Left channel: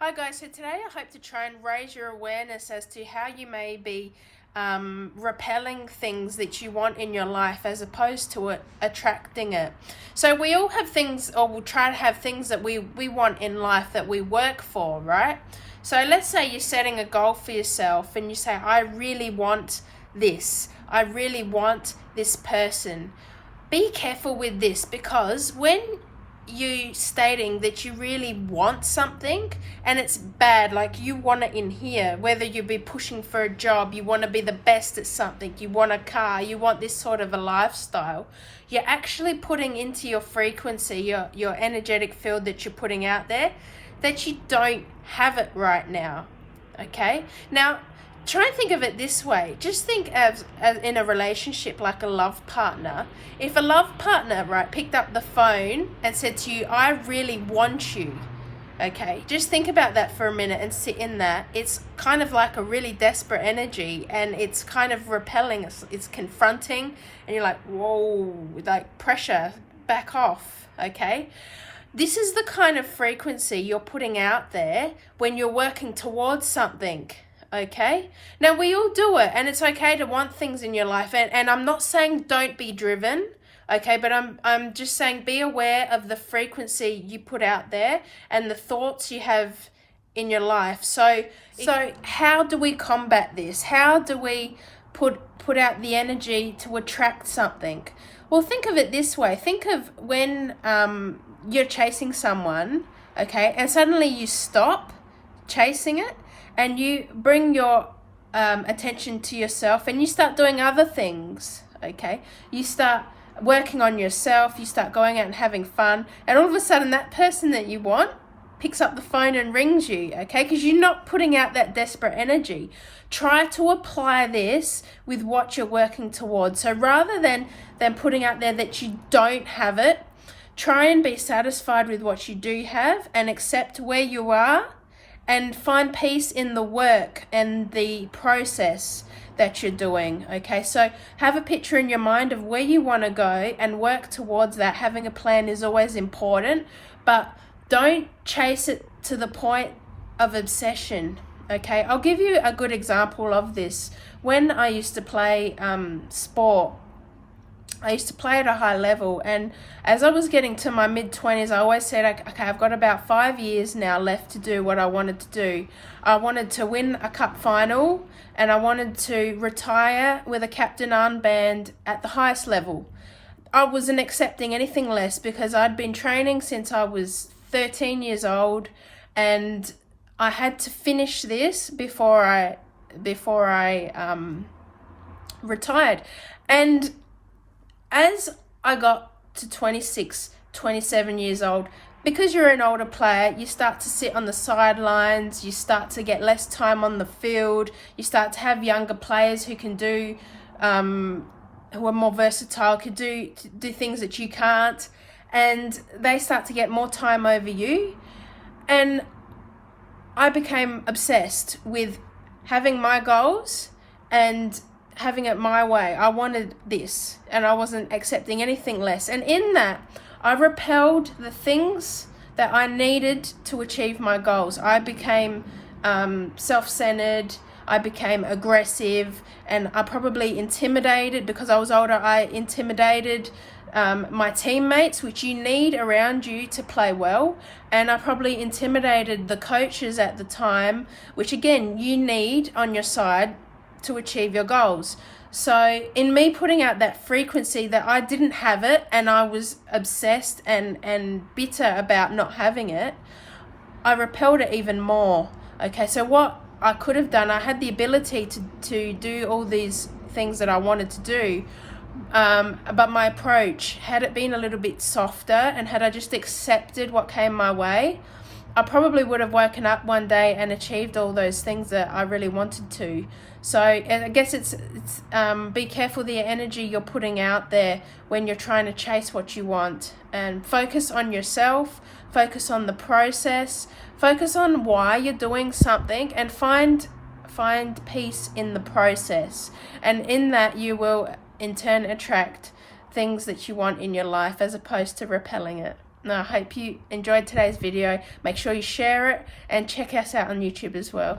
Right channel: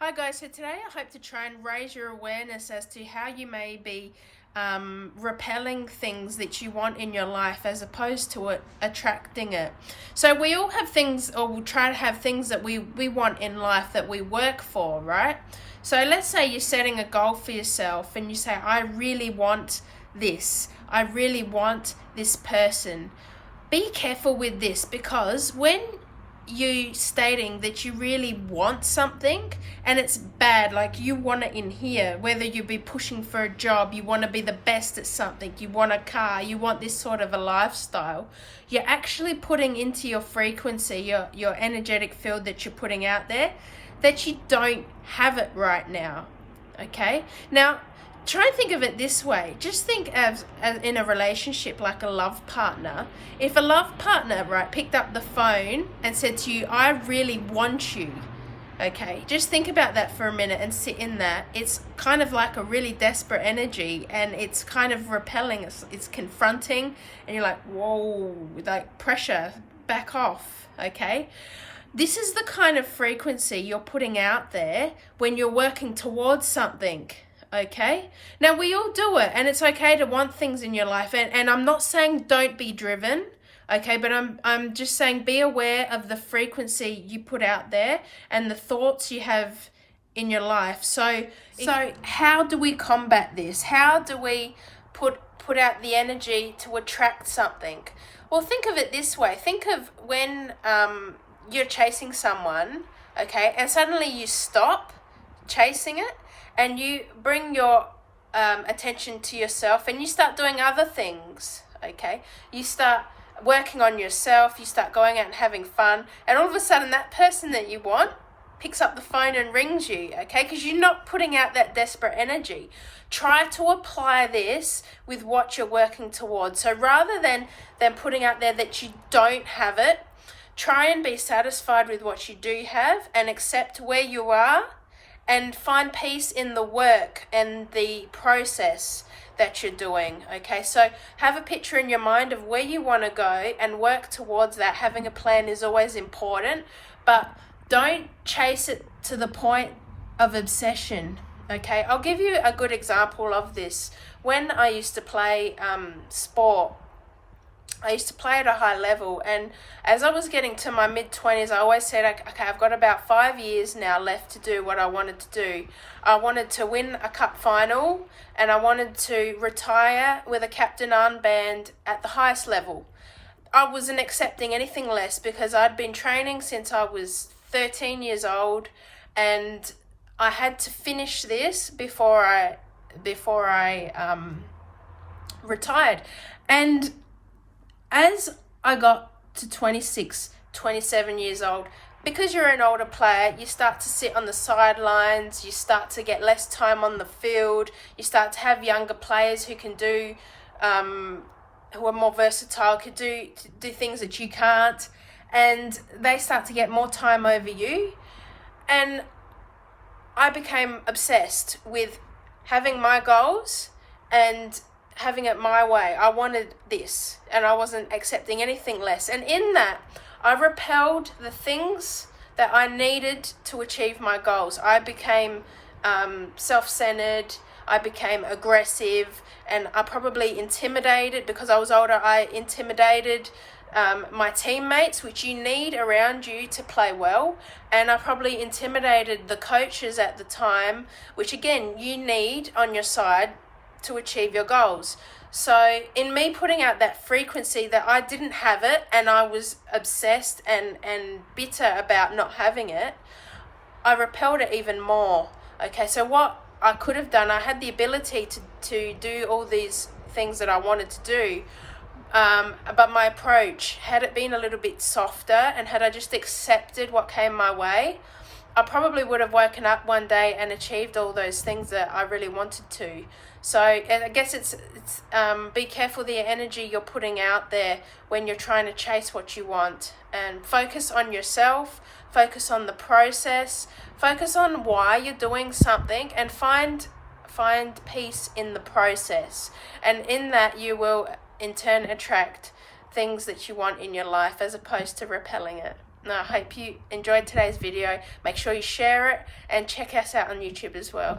Hi guys, so today I hope to try and raise your awareness as to how you may be repelling things that you want in your life as opposed to attracting it. So we all have things, or we'll try to have things that we want in life that we work for, right? So let's say you're setting a goal for yourself and you say, I really want this. I really want this person. Be careful with this, because when you stating that you really want something and it's bad, like you want it in here, whether you be pushing for a job, you want to be the best at something, you want a car, you want this sort of a lifestyle, you're actually putting into your frequency, your energetic field that you're putting out there, that you don't have it right now. Okay, now try and think of it this way. Just think as in a relationship, like a love partner. If a love partner, right, picked up the phone and said to you, I really want you, okay, just think about that for a minute and sit in that. It's kind of like a really desperate energy, and it's kind of repelling, it's confronting, and you're like, whoa, like pressure, back off, okay? This is the kind of frequency you're putting out there when you're working towards something. Okay, now we all do it, and it's okay to want things in your life, and I'm not saying don't be driven, okay, but I'm just saying be aware of the frequency you put out there and the thoughts you have in your life. So how do we combat this? How do we put out the energy to attract something? Well, think of it this way. Think of when you're chasing someone, okay, and suddenly you stop chasing it and you bring your attention to yourself and you start doing other things, okay? You start working on yourself, you start going out and having fun, and all of a sudden that person that you want picks up the phone and rings you, okay? Because you're not putting out that desperate energy. Try to apply this with what you're working towards. So rather than putting out there that you don't have it, try and be satisfied with what you do have and accept where you are, and find peace in the work and the process that you're doing, okay? So have a picture in your mind of where you want to go and work towards that. Having a plan is always important, but don't chase it to the point of obsession, okay? I'll give you a good example of this. When I used to play sport, I used to play at a high level, and as I was getting to my mid-20s, I always said, okay, I've got about 5 years now left to do what I wanted to do. I wanted to win a cup final, and I wanted to retire with a captain armband at the highest level. I wasn't accepting anything less, because I'd been training since I was 13 years old, and I had to finish this before I retired. And as I got to 26, 27 years old, because you're an older player, you start to sit on the sidelines, you start to get less time on the field, you start to have younger players who can do, who are more versatile, could do things that you can't, and they start to get more time over you. And I became obsessed with having my goals and having it my way. I wanted this, and I wasn't accepting anything less. And in that, I repelled the things that I needed to achieve my goals. I became self-centered, I became aggressive, and I probably intimidated, because I was older, I intimidated my teammates, which you need around you to play well. And I probably intimidated the coaches at the time, which again, you need on your side to achieve your goals. So in me putting out that frequency that I didn't have it, and I was obsessed and bitter about not having it, I repelled it even more. Okay, so what I could have done, I had the ability to do all these things that I wanted to do, but my approach, had it been a little bit softer and had I just accepted what came my way, I probably would have woken up one day and achieved all those things that I really wanted to. So I guess it's be careful the energy you're putting out there when you're trying to chase what you want, and focus on yourself, focus on the process, focus on why you're doing something, and find peace in the process. And in that, you will in turn attract things that you want in your life, as opposed to repelling it. I hope you enjoyed today's video. Make sure you share it and check us out on YouTube as well.